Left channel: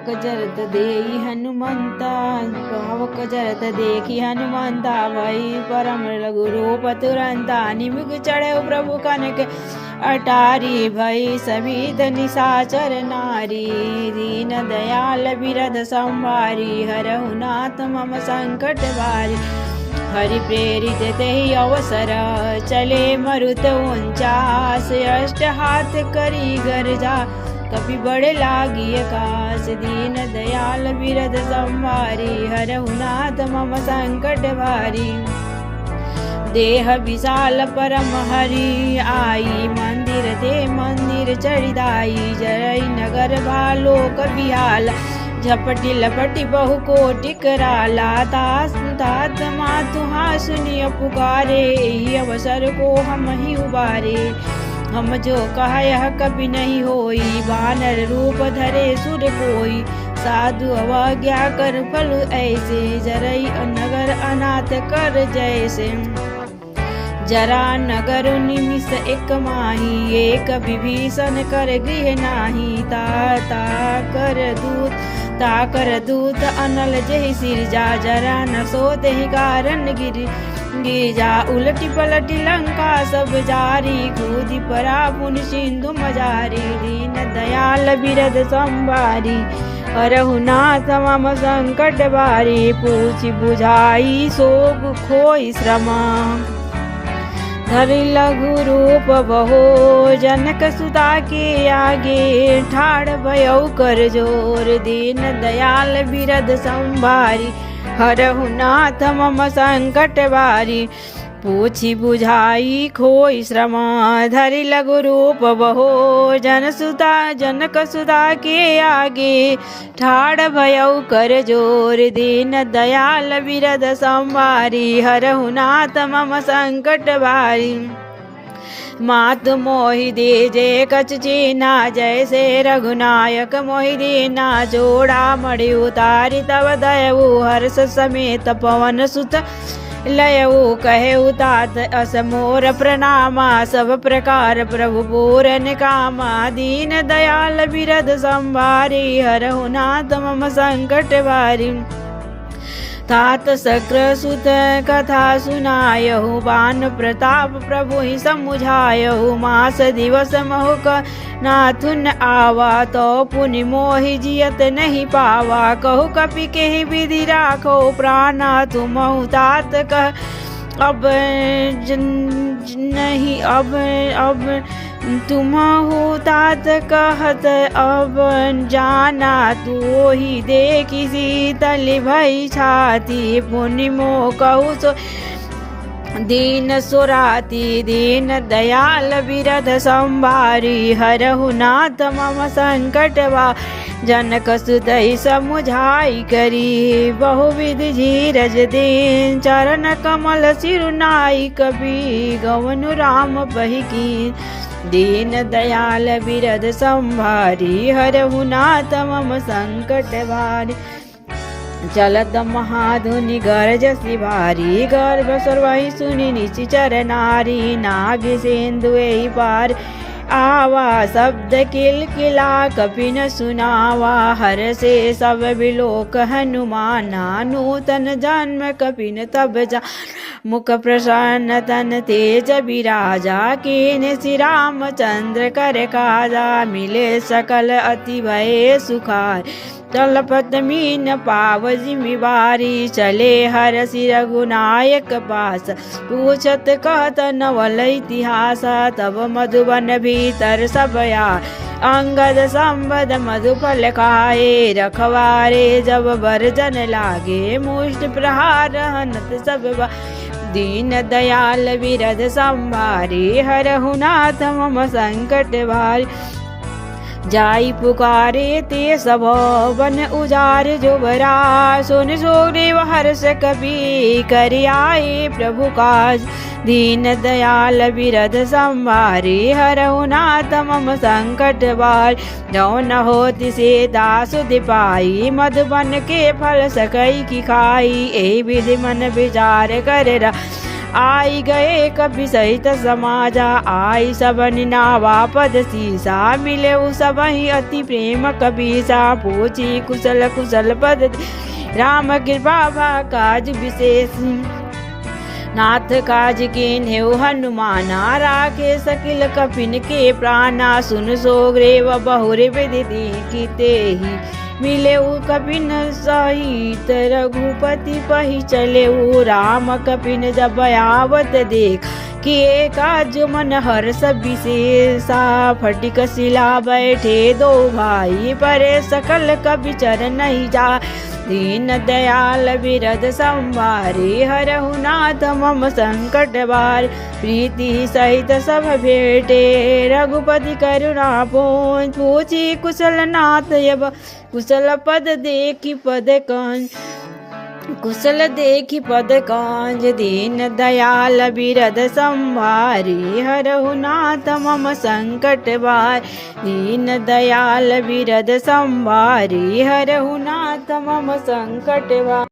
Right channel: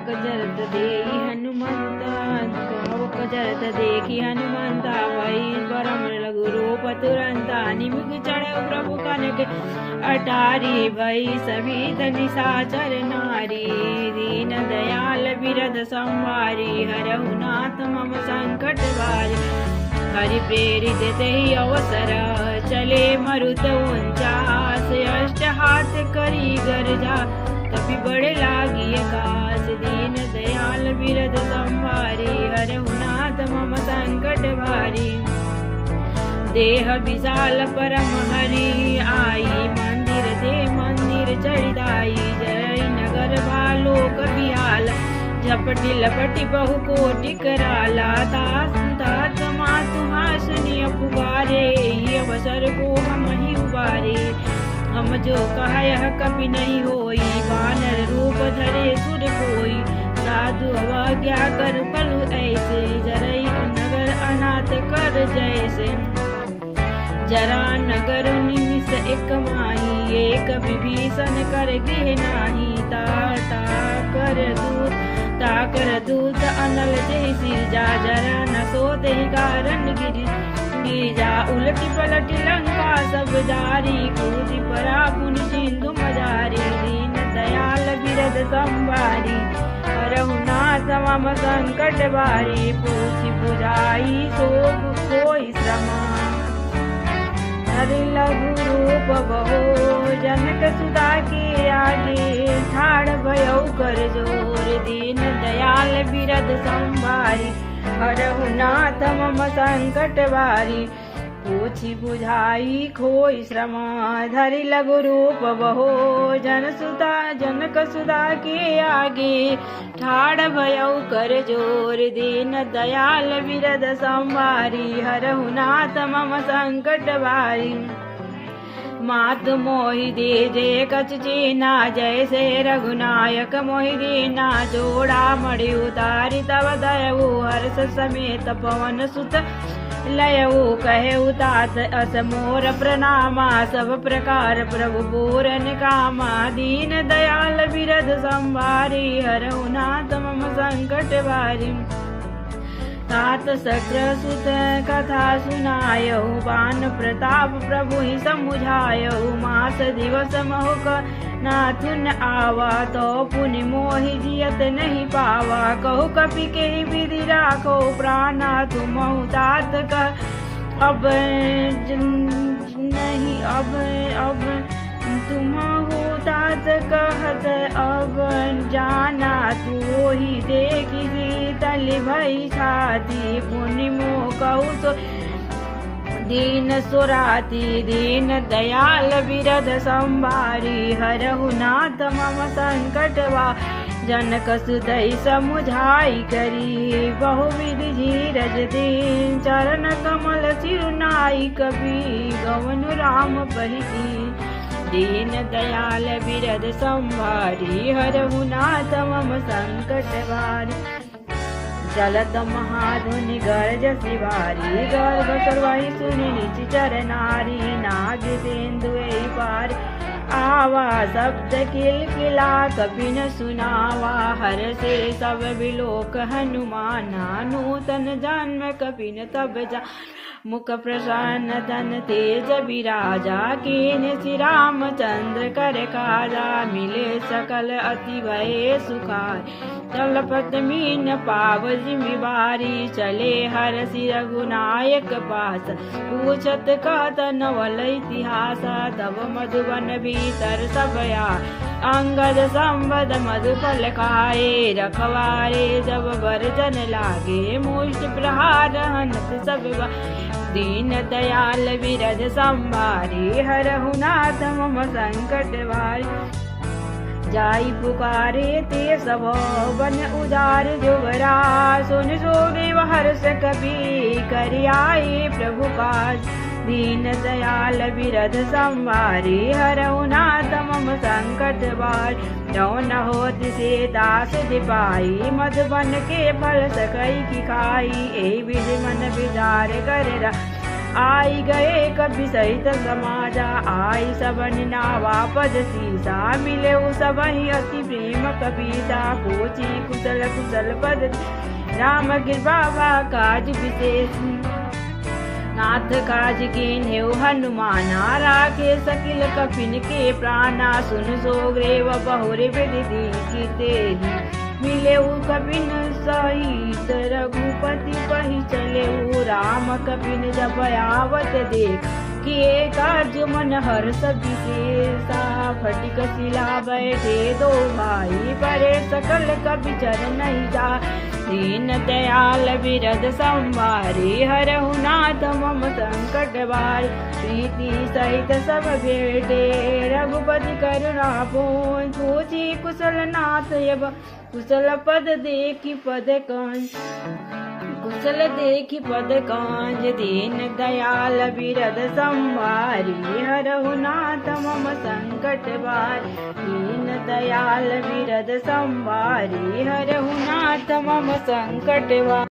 पावक जरत देई हनुमंता, पावक जरत देखी हनुमंता, वही परम लघु रूप तुरंता, निमुख चढ़े प्रभु कनक अटारी, भई सभी निशाचर नारी, दीन दयाल बिरद संवारी, हरहु नाथ मम संकट भारी, हरि प्रेरित तेहि अवसर, चले मरुत उनचास, अष्ट हाथ करी गरजा, कपि बड़े लागी आकाश, दीन दयाल बिरद संवारी, हरहु नाथ मम संकट भारी, देह विशाल परम हरि आई, मंदिर दे मंदिर चढ़िदाई, जय नगर भालोक बिहाल, झपटी लपटी बहु कोटि कराला, तास तात मातु हासुनि पुकारे, ही अवसर को हम ही उबारे, हम जो कहा यह कभी नहीं होई, वानर रूप धरे सुर कोई, साधु अवज्ञा कर पलु ऐसे, जरई नगर अनाथ कर जैसे, जरा नगर निमिष एक माही, एक विभीषण कर गृह नाही, ता कर दूत अनल जहि सिरजा, जरा न सोते ही कारण गिरजा, उलटी पलटी लंका सब जारी, कूदी परा पुन सिंधु मजारी, दीन दयाल बिरद संवारी, हरहु नाथ मम संकट भारी, पूछि बुझाई सोग खोई श्रमा, धरि लघु रूप बहो, जनक सुता के आगे, ठाड़ भयउ कर जोर, दीन दयाल बिरद संवारी, हरहु नाथ मम संकट भारी, पूछि बुझाई खोई श्रम, धरि लघु रूप बहो, जनक सुता के आगे, ठाड़ भयउ कर जोर, दीन दयाल बिरद संवारी, हरहु नाथ मम संकट भारी, मातु मोहि दे जे कछ चीना, जैसे रघुनायक मोहि दीना, जोड़ा मणि उतारी तब दयऊ, हर्ष समेत पवन सुत लयऊ, कहे उतात अस मोर प्रणामा, सब प्रकार प्रभु पूरन कामा, दीन दयाल बिरद संवारी, हरहु नाथ मम संकट भारी, तात शक्र सुत कथा सुनायहु, बान प्रताप प्रभु ही समुझायहु, मास दिवस महुक नाथुन आवा, तो पुनि मोहि जियत नहीं पावा, कहु कपि केहि विधि राखो प्राणा, तुम तात कह अब नहीं, अब तुम हो तात कहत अब जाना, तू ही देखी शीतल भई छाती, पुनि मोह कहु सो दीन सुराती, दीन दयाल बिरद संवारी, हरहु नाथ मम संकट भारी, जनक सुदई समुझाई करी, बहुविधि धीरज दीन, चरण कमल सिरुनाई, कबि गवनु राम बहि की, दीन दयाल बिरद संवारी, हरहु नाथ मम संकट भारी, चलत महाधुनि गरजसि भारी, गर्भ सर्वहि सुनि निशिचर नारी, नाग सिंधु एहि पार आवा, शब्द किलकिला कपि न सुनावा, हर से सब बिलोक हनुमाना, नूतन जन्म कपि न तब जा, मुख प्रसन्न तन तेज विराजा, कीन श्री रामचंद्र कर काजा, मिले सकल अति भय सुखार, तलपत मीन पाव जिम्मेवारी, चले हर सिर रघुनायक पास, पूछत कहत नवल इतिहास, तब मधुबन भीतर सब यार, अंगद संबद मधुफल खाए, रखवारे जब बरजन लागे, मुष्ट प्रहार हनत सब, दीन दयाल बिरद संवारी, हरहु नाथ मम संकट भारी, जाई पुकारे ते सब बन उजार जोबरा, सुन सोग्रीव हर्ष कपि कर आए प्रभु काज, दीन दयाल बिरद संवारी, हरहु नाथ मम संकट भारी, जो न होति से दास पाई, मधुबन के फल सकई की खाई, एहि विधि मन विचार कर आई गए कवि सहित समाजा, आई सबनि नावा पद सीसा, मिले सबहि अति प्रेम कबीसा, पूछी कुशल कुशल पद राम कृपा काज विशेष, नाथ काज कीन्हे हनुमाना, राखे सकिल कपिन के प्राणा, सुन सोग्रीव बहुरे विदिति कीते ही, मिले कपिन सहित रघुपति पहि चले, राम कपिन जब आवत देख, किए काज मन हर्ष विशेषा, फटिक शिला बैठे दो भाई, परे सकल कपि चरण जा, दीन दयाल बिरद संवारी, हरहु नाथ मम संकट बार, प्रीति सहित सब भेटे, रघुपति करुणा पूछी कुशल नाथ यब, कुशल पद देखी पद कंज, कुशल देखी पद कांज, दीन दयाल बिरद संवारी, हरहु नाथ मम संकट बार, दीन दयाल बिरद संवारी, हरहु नाथ मम संकट बार।